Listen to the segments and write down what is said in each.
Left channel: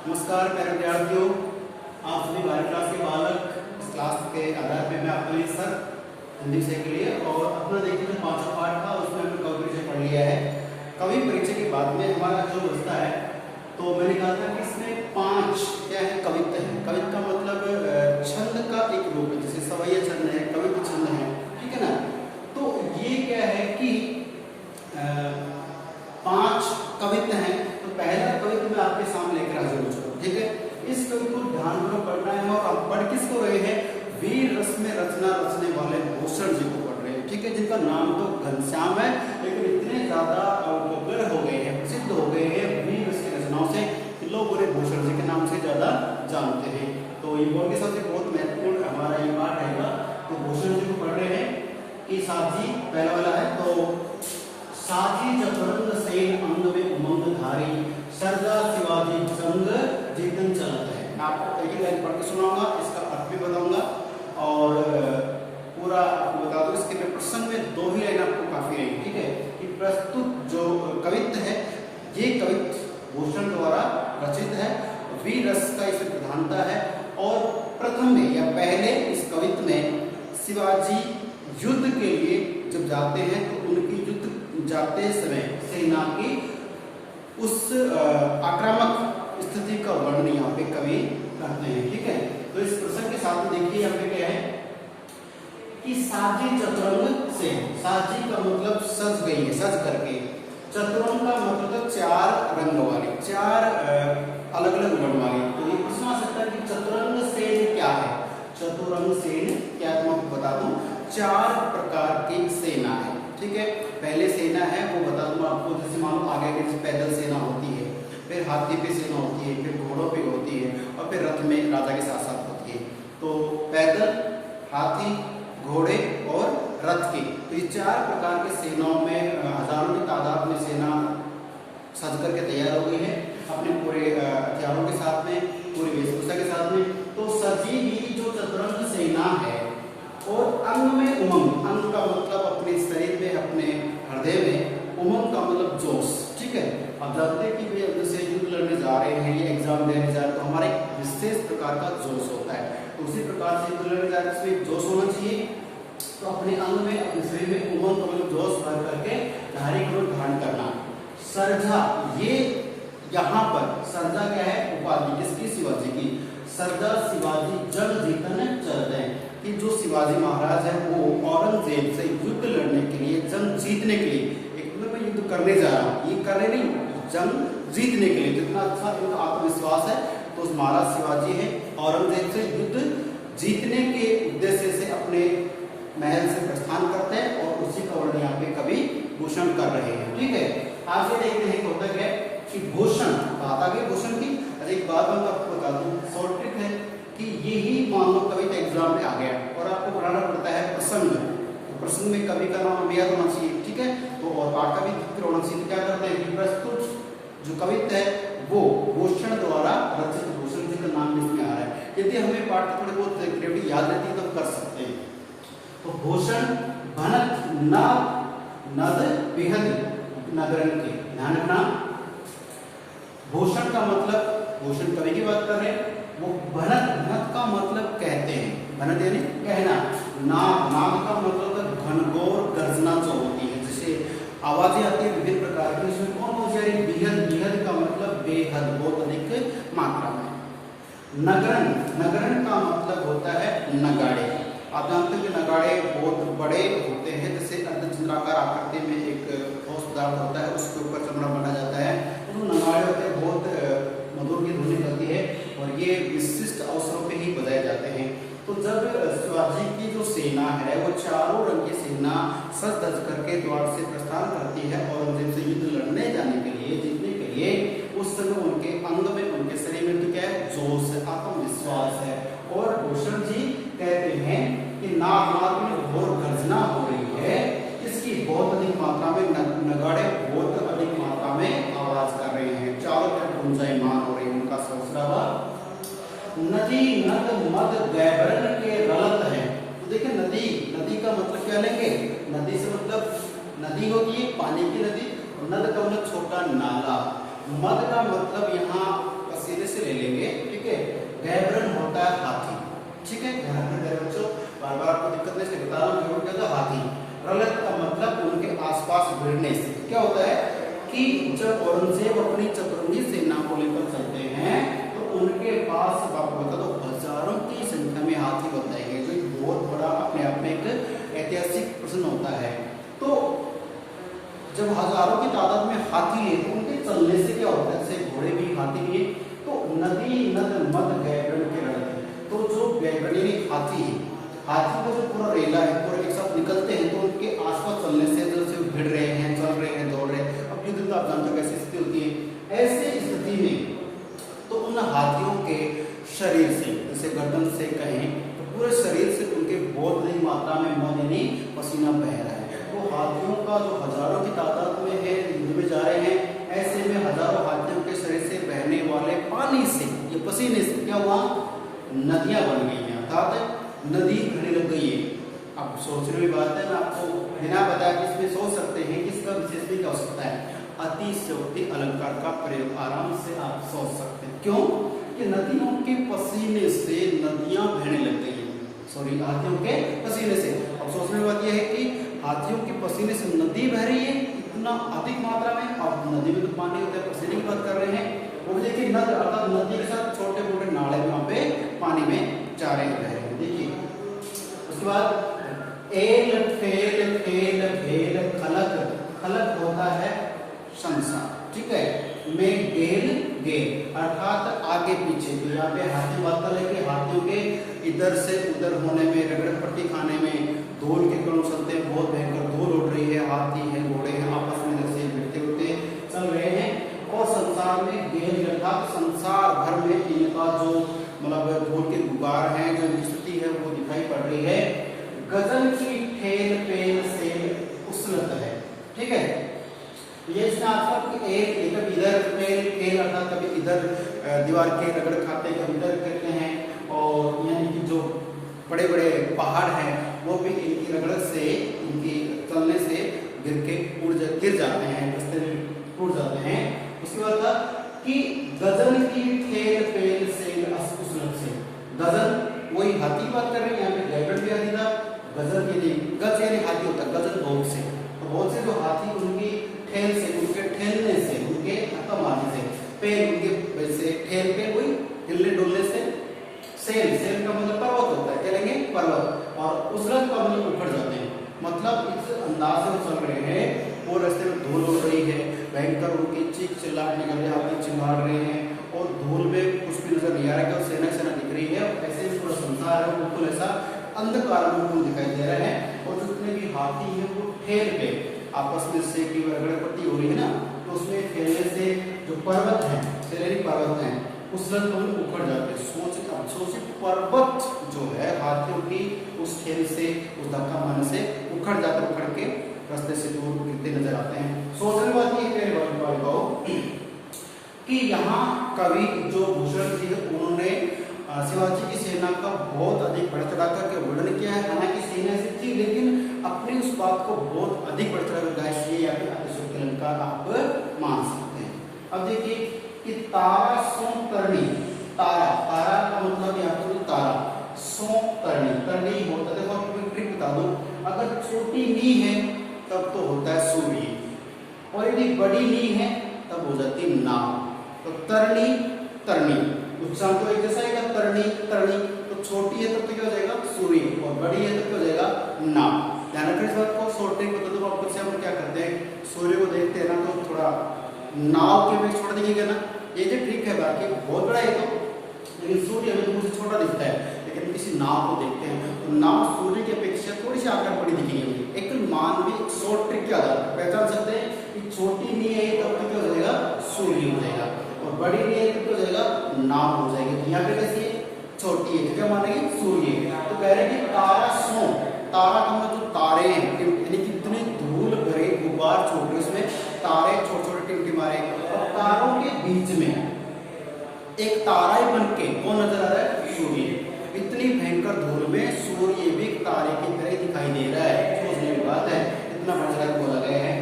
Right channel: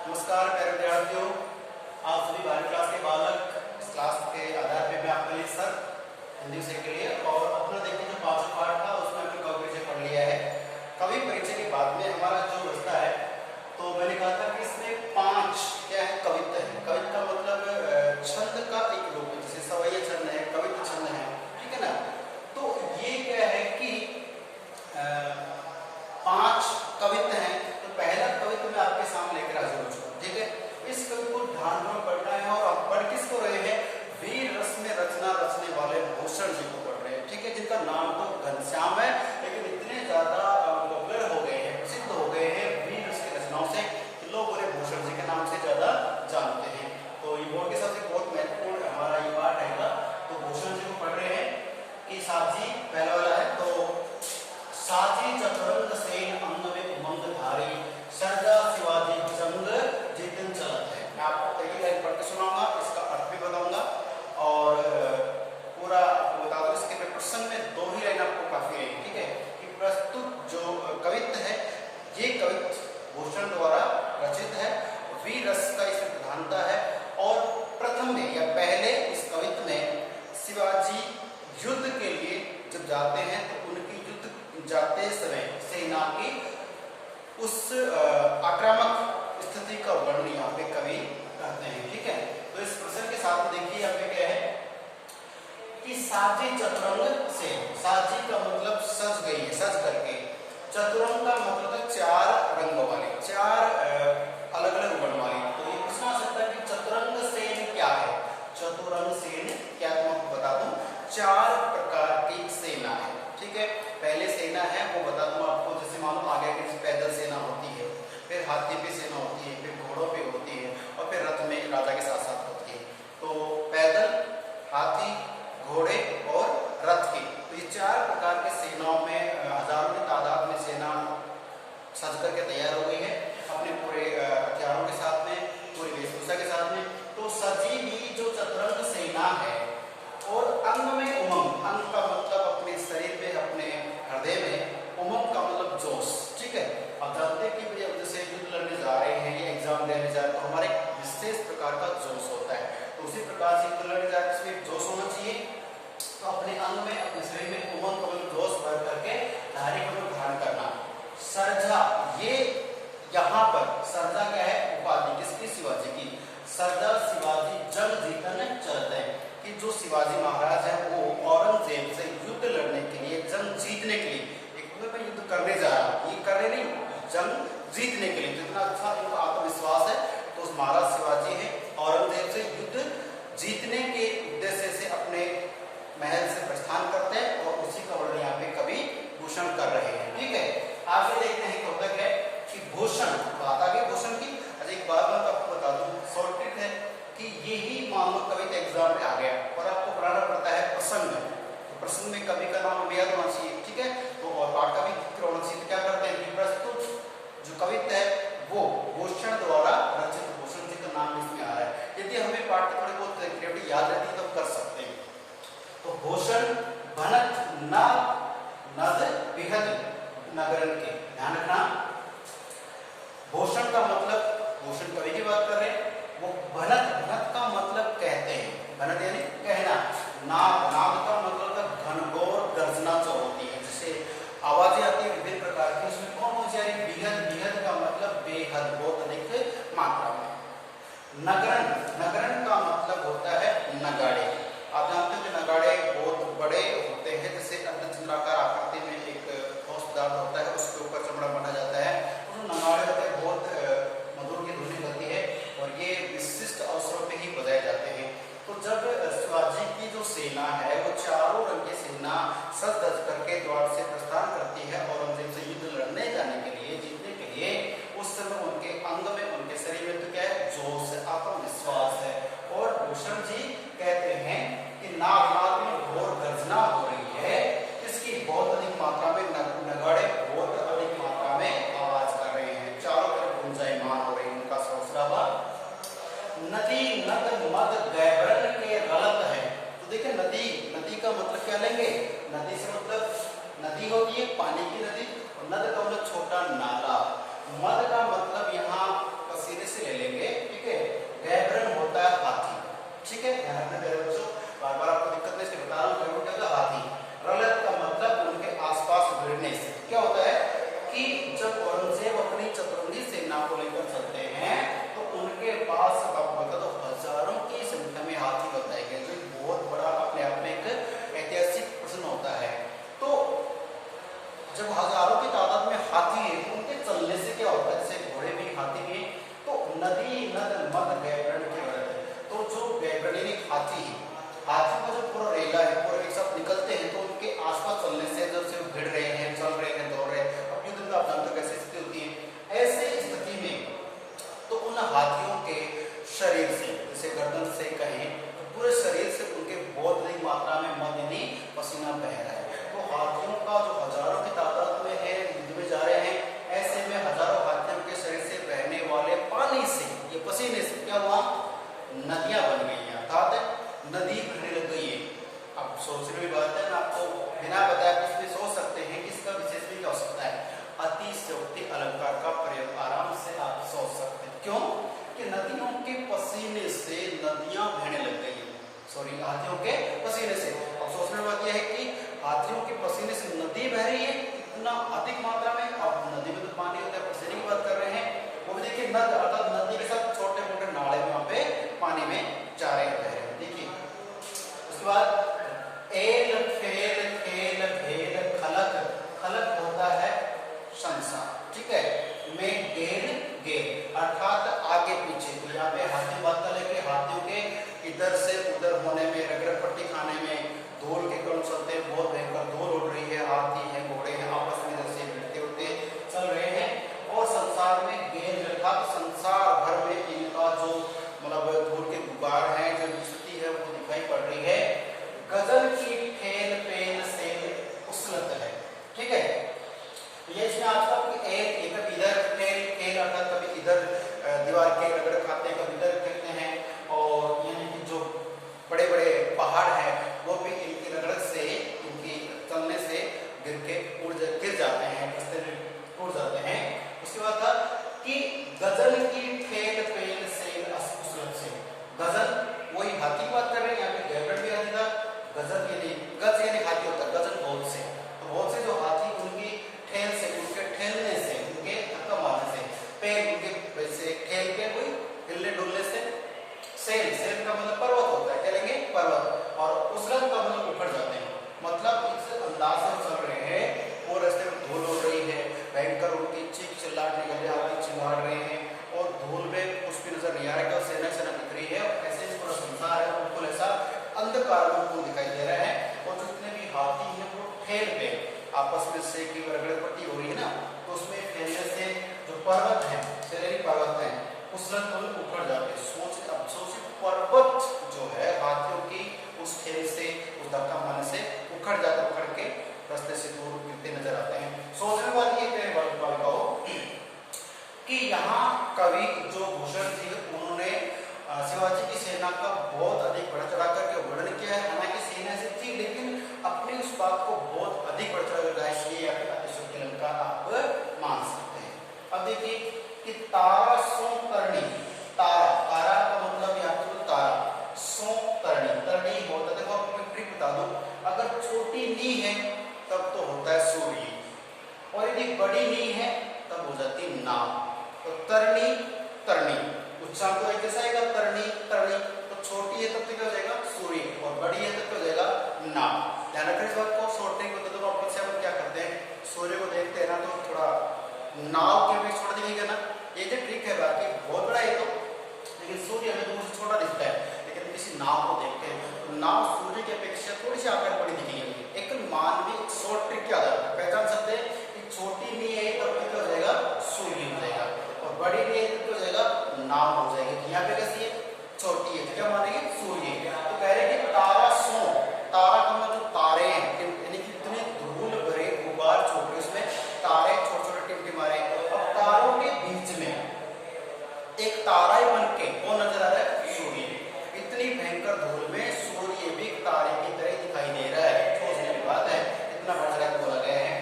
नमस्कार प्यारे विद्यार्थियों, आप सभी 12वीं क्लास के बालक इस क्लास के आधार पे मैं आपके लिए सर हिंदी विषय के लिए और अपना देखिए जो 5वां पाठ था उसमें हमने कवि परिचय पढ़ लिया है। कवि परिचय के बाद में हमारा जो हिस्सा है तो मैंने कहा था कि इसमें 5 क्या है कविता है। कविता का मतलब छंद का एक रूप है, जैसे सवैया छंद है, कविता छंद है, ठीक है ना। तो ये क्या है कि 5 कविता हैं। तो पहला कविता मैं आपके सामने लेकर हाजिर हूं, ठीक है। इस कवि को ध्यानपूर्वक पढ़ना है और आप पढ़ किसको रहे हैं? वीर रस में रचना रचने वाले भूषण जी को पढ़ रहे हैं, ठीक है। जिनका नाम तो घनश्याम है, लेकिन इतने ज्यादा पॉपुलर हो गए हैं, प्रसिद्ध हो गए हैं वीर रस की रचनाओं से, लोग उन्हें भूषण जी के नाम से ज्यादा जानते हैं। तो ये बोर्ड के सबसे बहुत महत्वपूर्ण हमारा ये पाठ रहेगा। तो भूषण जी को पढ़ रहे हैं कि साजी पहला वाला है। तो साजी चतुरंग सेन अंग में उमंग धारी, सरदा शिवाजी जंग जीतन चलत है। मैं आपको एक ही लाइन पढ़ के सुनाऊंगा, इसका अर्थ भी बताऊंगा और पूरा आपको बता दूं। इसके प्रसंग में 2 ही लाइन आपको काफी रहेगी, ठीक है। कि प्रस्तुत जो कवित्व है ये कवित्व भूषण द्वारा रचित है, वीर रस का इसमें प्रधानता है और प्रथम में या पहले इस कवित्व में शिवाजी युद्ध के लिए जब जाते हैं तो उनकी युद्ध जाते समय सेना की उस आक्रामक स्थिति का वर्णन यहाँ पे कवि करते हैं, ठीक है। तो इस प्रसंग के साथ में देखिए यहाँ पे क्या है कि साजी चतुरंग से, साजी का मतलब सज गई है, सज करके। चतुरंग का मतलब 4 रंग वाली, 4 अलग अलग वर्ण वाली। तो ये प्रश्न आ सकता है कि चतुरंग सेन क्या है? चतुरंग सेन क्या, मैं आपको बता दूं 4 प्रकार की सेना है, ठीक है। पहले सेना है वो बता दूं आपको, जैसे मानो आगे की पैदल सेना होती है, फिर हाथी पे सेना होती है, फिर घोड़ों पे होती है और फिर रथ में राजा के साथ साथ होती है। तो पैदल, हाथी, घोड़े और रथ की, तो ये 4 प्रकार के सेनाओं में हजारों की तादाद में सेना सज करके तैयार हो गई है अपने पूरे हथियारों के साथ में, पूरी वेशभूषा के साथ में। तो सजी हुई जो चतुरंग सेना है और अंग में उमंग, अंग का मतलब अपने शरीर में, अपने हृदय में, उमंग का मतलब जोश, ठीक है। अब जानते हैं कि भैया जैसे युद्ध लड़ने जा रहे हैं या एग्जाम देने जा रहे हैं तो हमारे एक विशेष प्रकार का जोश होता है। तो उसी प्रकार से युद्ध लड़ने जा रहे हैं उसमें जोश होना चाहिए। तो अपने अंग में, अपने शरीर में उमंग का मतलब जोश भर करके धारी कमल धारण करना। सरजा, ये यहाँ पर सरजा क्या है? उपाधि किसकी? शिवाजी की। सरदार शिवाजी जंग जीतने चलते हैं कि जो शिवाजी महाराज है वो औरंगजेब से युद्ध लड़ने के लिए, जंग जीतने के लिए, एक मैं युद्ध करने जा रहा हूँ, ये करने नहीं, जंग जीतने के लिए, जितना अच्छा इनका आत्मविश्वास है। तो उस महाराज शिवाजी है औरंगजेब से युद्ध जीतने के उद्देश्य से अपने महल से प्रस्थान करते हैं और उसी का वर्णन यहाँ पे कवि भूषण कर रहे हैं, ठीक है। आगे देखते हैं टॉपिक है कि भूषण, बात आगे भूषण की। अरे एक बात मैं आपको बता दूं, शॉर्ट ट्रिक है कि यही मान लो कविता एग्जाम में आ गया और आपको पढ़ाना पड़ता है प्रसंग। तो प्रसंग में कवि का नाम याद होना चाहिए, ठीक है। तो और पाठ का भी जिक्र होना चाहिए। क्या करते हैं कि प्रस्तुत जो कविता है वो भूषण द्वारा रचित, भूषण जी का नाम इसमें आ रहा है। यदि हमें पाठ थोड़ी बहुत क्रिएटिविटी याद रहती है तो कर सकते हैं। तो भूषण भनत न नद बिहद नगरन के, ध्यान रखना। भूषण का मतलब, भूषण कवि की बात कर रहे हैं, वो भनत, भनत का मतलब कहते हैं, भनत यानी कहना। नाद, नाद का मतलब घनघोर गर्जना जो होती है, जैसे आवाजें आती है विभिन्न प्रकार की, उसमें कौन कौन सी आ रही? बिहद, बिहद का मतलब बेहद, बहुत अधिक मात्रा में। नगरन, नगरन का मतलब होता है नगाड़े। आप जानते हैं कि नगाड़े बहुत बड़े होते हैं, जैसे अर्धचंद्राकार आकृति में एक ठोस पदार्थ होता है, उसके ऊपर चमड़ा बना जाता है। तो नगाड़े होते हैं, बहुत मधुर की ध्वनि करती है और ये विशिष्ट अवसरों पे ही बजाए जाते हैं। तो जब शिवाजी की जो सेना है वो 4 रंग की सेना सज धज करके द्वार से प्रस्थान करती है और उनसे युद्ध लड़ने जाने के लिए, जीतने के लिए, उस समय उनके अंग में, उनके शरीर में तो क्या है? जोश, आत्मविश्वास है। और भूषण जी कहते हैं कि नाग, नाग में घोर गर्जना हो रही है, इसकी बहुत अधिक मात्रा में नगाड़े बहुत अधिक मात्रा में आवाज कर रहे हैं, चारों तरफ गुंजायमान हो रही है उनका शोरशराबा। नदी नद मद गैबरन के गलत है। तो देखिए नदी, नदी का मतलब क्या लेंगे? नदी से मतलब नदी होगी पानी की नदी, और नद का मतलब छोटा नाला। मद का मतलब यहाँ पसीने से ले लेंगे, ठीक है। गैब्रन होता है हाथी, ठीक है, ध्यान रखना मेरे बच्चों, बार बार आपको दिक्कत नहीं से बता रहा हूँ। गैब्रन क्या होता है? हाथी। रलत का मतलब उनके आसपास भिड़ने से। क्या होता है कि जब औरंगजेब अपनी चतुरंगी सेना को लेकर चलते हैं तो उनके पास तो हजारों की संख्या में हाथी बताए गए, जो बहुत बड़ा अपने आप में एक ऐतिहासिक प्रश्न होता है। तो जब हजारों की तादाद में हाथी है तो उनके चलने से क्या होता है? जैसे घोड़े भी हाथी भी, तो नदी नद मद गैब्रन के रलत, तो जो गैब्रनी हाथी है, हाथी का जो पूरा रेला है पूरा एक साथ निकलते हैं तो उनके आसपास चलने से जो सिर्फ भिड़ रहे हैं, चल रहे हैं, दौड़ रहे हैं, अब युद्ध में आप जानते हो कैसी स्थिति होती है। ऐसे स्थिति में तो उन हाथियों के शरीर से, जैसे गर्दन से कहें तो पूरे शरीर से उनके बहुत बड़ी मात्रा में मद यानी पसीना बह रहा है। तो हाथियों का जो हजारों की तादाद में है, युद्ध में जा रहे हैं, ऐसे में हजारों हाथियों के शरीर से बहने वाले पानी से, ये पसीने से क्या हुआ? नदियां बन गई हैं, अर्थात नदी बहने लग गई है। अब सोचने की बात है ना, आपको बिना बताया इसमें सोच सकते हैं कि इसका विशेष भी क्या हो सकता है? अतिशयोक्ति अलंकार का प्रयोग आराम से आप सोच सकते हैं। क्यों? कि नदियों के पसीने से नदियां बहने लग गई हैं, सॉरी हाथियों के पसीने से। अब सोचने की बात यह है कि हाथियों के पसीने से नदी बह रही है इतना अधिक मात्रा में। अब नदी में तो पानी होता है, पसीने की बात कर रहे हैं, वो भी देखिए नद अर्थात नदी के साथ छोटे मोटे नाले में वहां पे पानी में जा रहे हैं। देखिए उसके बाद एल फेल फेल भेल खलक, खलक होता है संसार, ठीक है, में गेल गेल अर्थात आगे पीछे। यहाँ पे हाथी बात कर लेके हाथियों के इधर से उधर होने में, रगड़ पट्टी खाने में, धूल के कण चलते हैं, बहुत भयंकर धूल उड़ रही है, हाथी है, घोड़े हैं, आपस में जैसे भिड़ते होते चल रहे हैं। और संसार में गेल अर्थात संसार भर में इनका जो मतलब धूल के गुबार हैं, जो स्थिति है वो दिखाई पड़ रही है। गजल की ठेल पेल से उछलत है, ठीक है। ये इसमें आपका एक कभी इधर फेल फेल अर्थात कभी इधर दीवार के रगड़ खाते हैं, कभी इधर फेंकते हैं, और यानी कि जो बड़े बड़े पहाड़ हैं वो भी इनकी रगड़ से, इनकी चलने से गिर जाते हैं, रास्ते में टूट जाते हैं। उसके बाद था कि गजल की ठेल पेल से उछलत से, गजल वही हाथी बात कर रहे हैं, यहाँ पे गैब्रन भी हाथी था। गजल के लिए गज यानी हाथी होता है, गजल बहुत से, तो बहुत से जो हाथी उनकी ठेल से, उनके ठेलने से, उनके धक्का मारने से, पेल उनके वैसे ठेल पे वही हिलने डुलने से, सेल सेल का मतलब पर्वत होता है, चलेंगे पर्वत, और उछलत का मतलब उखड़ जाते हैं। मतलब इस अंदाज से चल रहे हैं, वो रास्ते में धूल हो रही है, भयंकर उनकी चीख चिल्लाहट निकल रही है, हाथी चिल्ला रहे हैं, और धूल में कुछ भी नजर नहीं आ रहा है, सेना सेना दिख रही है, और ऐसे पूरा संसार है बिल्कुल ऐसा अंधकार में दिखाई दे रहा है। और जितने भी हाथी हैं वो ठेल पे आपस में से की रगड़ पट्टी हो रही है ना, तो उसमें ठेलने से जो पर्वत है, सैलरी पर्वत है, उछलत को उखड़ जाते हैं। सोचिए पर्वत जो है हाथियों की उस ठेल से, उस धक्का मारने से उखड़ जाते, उखड़ के रास्ते से दूर गिरते नजर आते हैं। सोचने वाली एक बालिकाओं कि यहाँ कवि जो भूषण जी उन्होंने शिवाजी की सेना का बहुत अधिक बढ़ चढ़ा करके वर्णन किया है। हालांकि सेना ऐसी थी लेकिन अपनी उस बात को बहुत अधिक बढ़ चढ़ा कर गाया, या फिर अतिशयोक्ति अलंकार आप मान सकते हैं। अब देखिए कि तारा सो तरणी, तारा, तारा का मतलब यहाँ पर तारा, सो तरणी, तरणी होता है, देखो आपको एक ट्रिक बता दूं, अगर छोटी नी है तब तो होता है सूर्य, और यदि बड़ी नी है तब हो जाती है नाव। तो तरणी तरणी उच्चारण तो एक जैसा आएगा, तरणी तरणी, तो छोटी है तब तो क्या हो जाएगा सूर्य, और बड़ी है तब क्या हो जाएगा नाव। ध्यान रखना इस बात को, शॉर्ट ट्रिक बता दो आपको। से हम क्या करते हैं, सूर्य को देखते हैं ना तो थोड़ा नाव के बीच छोड़ दिखेगा ना, ये जो ट्रिक है बाकी बहुत बड़ा है तो, लेकिन सूर्य हमें दूर से छोटा दिखता है, लेकिन किसी नाव को देखते हैं तो नाव सूर्य की अपेक्षा थोड़ी सी आकार बड़ी दिखेगी। एक मानवीय शॉर्ट ट्रिक के आधार पर पहचान सकते हैं कि छोटी नहीं है तब तो क्या हो जाएगा सूर्य हो जाएगा, और बड़ी नहीं है तब क्या हो जाएगा नाव हो जाएगी। यहाँ पे कैसी है, छोटी है, तो क्या मानेंगे सूर्य। तो कह रहे हैं कि तारा सो, तारा का मतलब जो तारे हैं, यानी कितने धूल भरे गुबार छोड़ रहे उसमें तारे छोटे छोटे टिमटिमारे। अब तारों के बीच में एक तारा ही बन के कौन नजर आ रहा है, सूर्य। इतनी भयंकर धूल में सूर्य भी तारे की तरह दिखाई दे रहा है, सोचने की बात है, इतना बड़ा बोला गया है।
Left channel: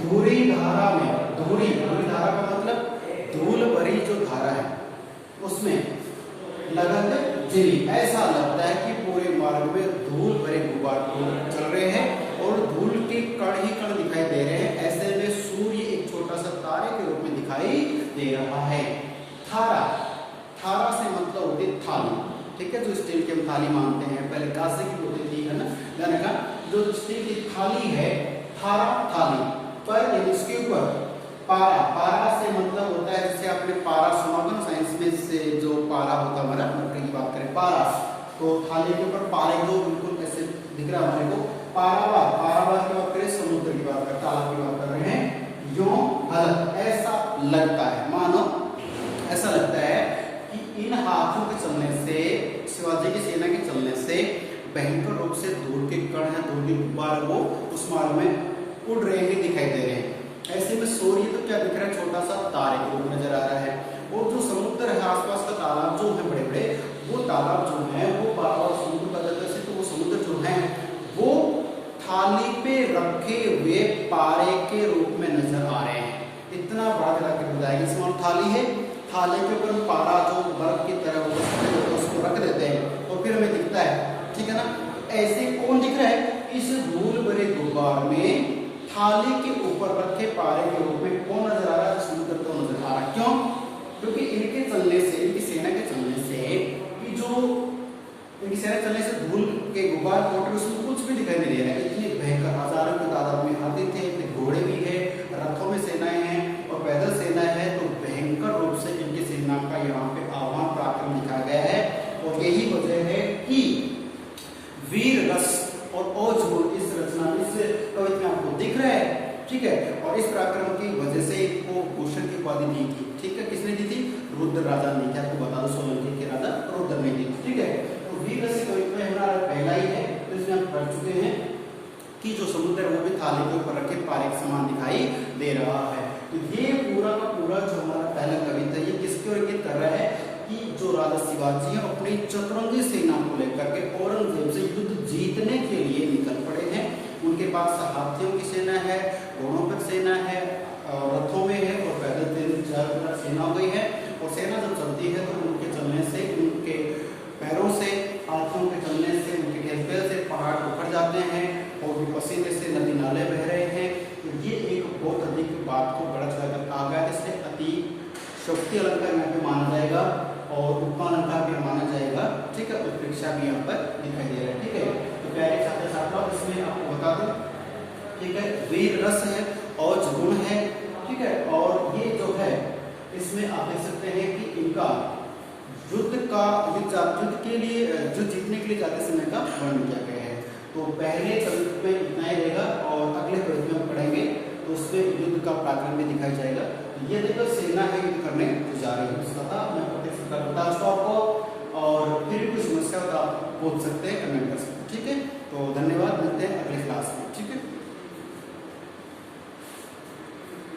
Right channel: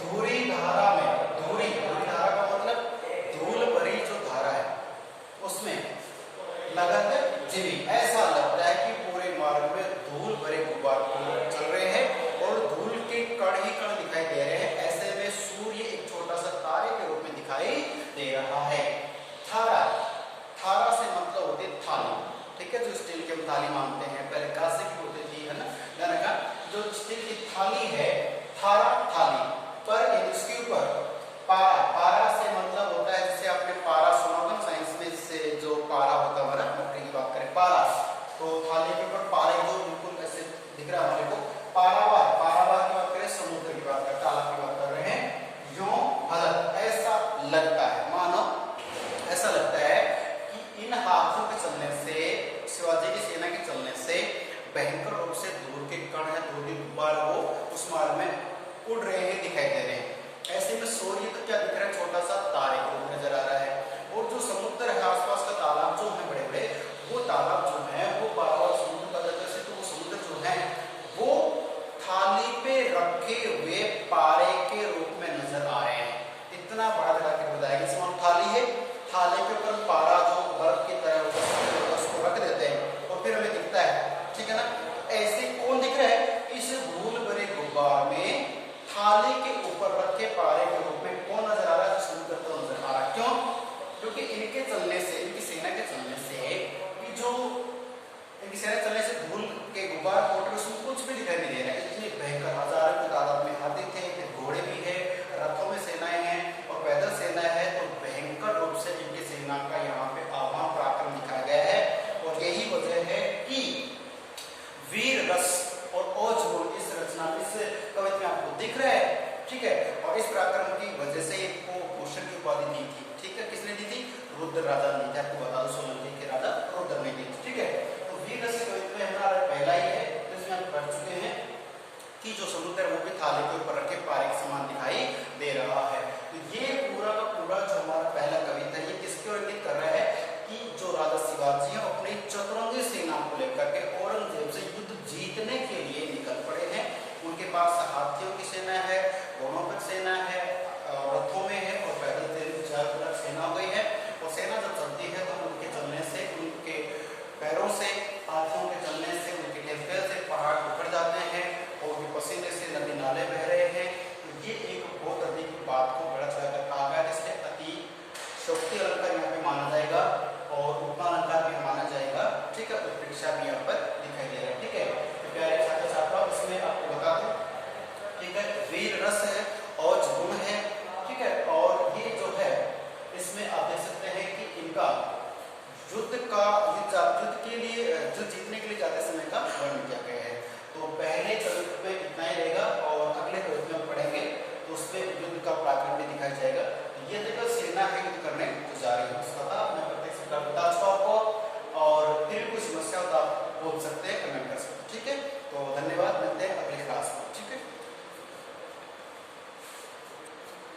धूरी धारा में, धूरी धारा का मतलब धूल भरी जो धारा है, जीवी। ऐसा लगता है कि पूरे मार्ग में धूल भरे गुब्बार चल रहे हैं और धूल के कण ही कण दिखाई दे रहे हैं। ऐसे में सूर्य एक छोटा सा तारे के रूप में दिखाई दे रहा है। थारा, थारा से मतलब होती है थाली, ठीक है, जो स्टील की हम थाली मानते हैं, पहले कांसे की होती थी, है ना, गाने का जो स्टील की थाली है, थारा थाली, पर इसके ऊपर पारा, पारा से मतलब होता है, जैसे आपने पारा सुना होगा साइंस में, से जो पारा होता है हमारा, मटके की बात करें पारा, तो थाली के ऊपर पारे जो बिल्कुल ऐसे दिख रहा है हमारे को, पारावार, पारावार की बात करें, समुद्र की बात करें, तालाब की बात कर रहे हैं, यूं हलक, ऐसा लगता है, मानो ऐसा लगता है कि इन हाथियों के चलने से, शिवाजी की सेना के चलने से भयंकर रूप से धूल के कण या धूल के गुब्बार वो उस मार्ग में उड़ रहे हैं, दिखाई दे रहे हैं। ऐसे में सूर्य तो क्या दिख रहा है, छोटा सा तारे के रूप में नजर आ रहा है, और जो समुद्र है आसपास का तालाब जो है बड़े बड़े, वो तालाब जो है वो बार समुद्र का जाता है, तो वो समुद्र जो है वो थाली पे रखे हुए पारे के रूप में नजर आ रहे हैं। इतना बड़ा तरह के बताया, इसमें थाली है, थाली के ऊपर पारा जो बर्फ की तरह होता है उसको रख देते हैं और फिर हमें दिखता है, ठीक है ना। ऐसे कौन दिख रहा है, इस धूल भरे गुब्बार में थाली के ऊपर रखे पारे के रूप में कौन नजर आ रहा है, समुद्र तो नजर आ रहा है। क्यों? क्योंकि इनके चलने से, इनकी सेना के चलने से, जो इनकी सेना चलने से धूल के गुब्बार कोटे उसमें कुछ भी दिखाई नहीं दे रहा है। इतनी भयंकर हजारों की तादाद में हाथी थे, घोड़े भी है, रथों में सेनाएं हैं और पैदल सेनाएं हैं, तो भयंकर रूप से इनकी सेना का यहाँ पे आह्वान पराक्रम दिखाया गया है। और यही वजह है कि वीर रस और ओजगुण इस रचना में, इस कविता में आपको दिख रहा है, ठीक है। और इस पराक्रम की वजह से इनको भूषण की उपाधि दी थी, ठीक है, किसने दी थी, रुद्र राजा ने दी, आपको बता दो, सोलंकी के राजा रुद्र ने दी, ठीक है। तो वीर रस कविता में हमारा पहला ही है, तो इसमें आप पढ़ चुके हैं कि जो समुद्र है वो भी थाली के ऊपर रखे पारे के समान दिखाई दे रहा है। तो ये पूरा का पूरा जो हमारा पहला कविता, ये किसके ओर इंगित कर रहा है कि जो राजा शिवाजी है अपनी चतुरंगी सेना को लेकर के औरंगजेब से युद्ध जीतने के लिए निकल पड़े हैं। उनके पास हाथियों की सेना है, घोड़ों पर सेना है, रथों में है और पैदल चारों तरफ सेना हो गई है। और सेना जब चलती है तो उनके चलने से, उनके पैरों से, हाथियों के चलने से, उनके घेसपैर से पहाड़ उखड़ जाते हैं और उनके पसीने से नदी नाले बह रहे हैं। तो ये एक बहुत अधिक बात को बड़ा चढ़ाकर कहा गया, इसलिए अति शक्ति अलंकार यहाँ पे माना जाएगा और उपमालंकार भी माना जाएगा, ठीक है। उत्प्रेक्षा भी यहाँ पर दिखाई दे रहा है, ठीक है। तो प्यारे छात्र छात्रा, इसमें आपको बता दूं, ठीक है, वीर रस है और गुण है, ठीक है। और ये जो है इसमें आप देख सकते हैं कि इनका युद्ध के लिए, युद्ध जीतने के लिए जाते समय का वर्णन किया गया है। तो पहले कविता में इतना ही रहेगा और अगले कविता में पढ़ेंगे तो उसमें युद्ध का पराक्रम भी दिखाया जाएगा। ये देखो सेना है युद्ध करने जो जा रही है, उसका था मैं प्रत्येक सप्ताह बता चुका आपको। और फिर कोई समस्या हो तो आप पूछ सकते हैं, कमेंट कर सकते हैं, ठीक है। तो धन्यवाद, मिलते हैं अगली क्लास में, ठीक है।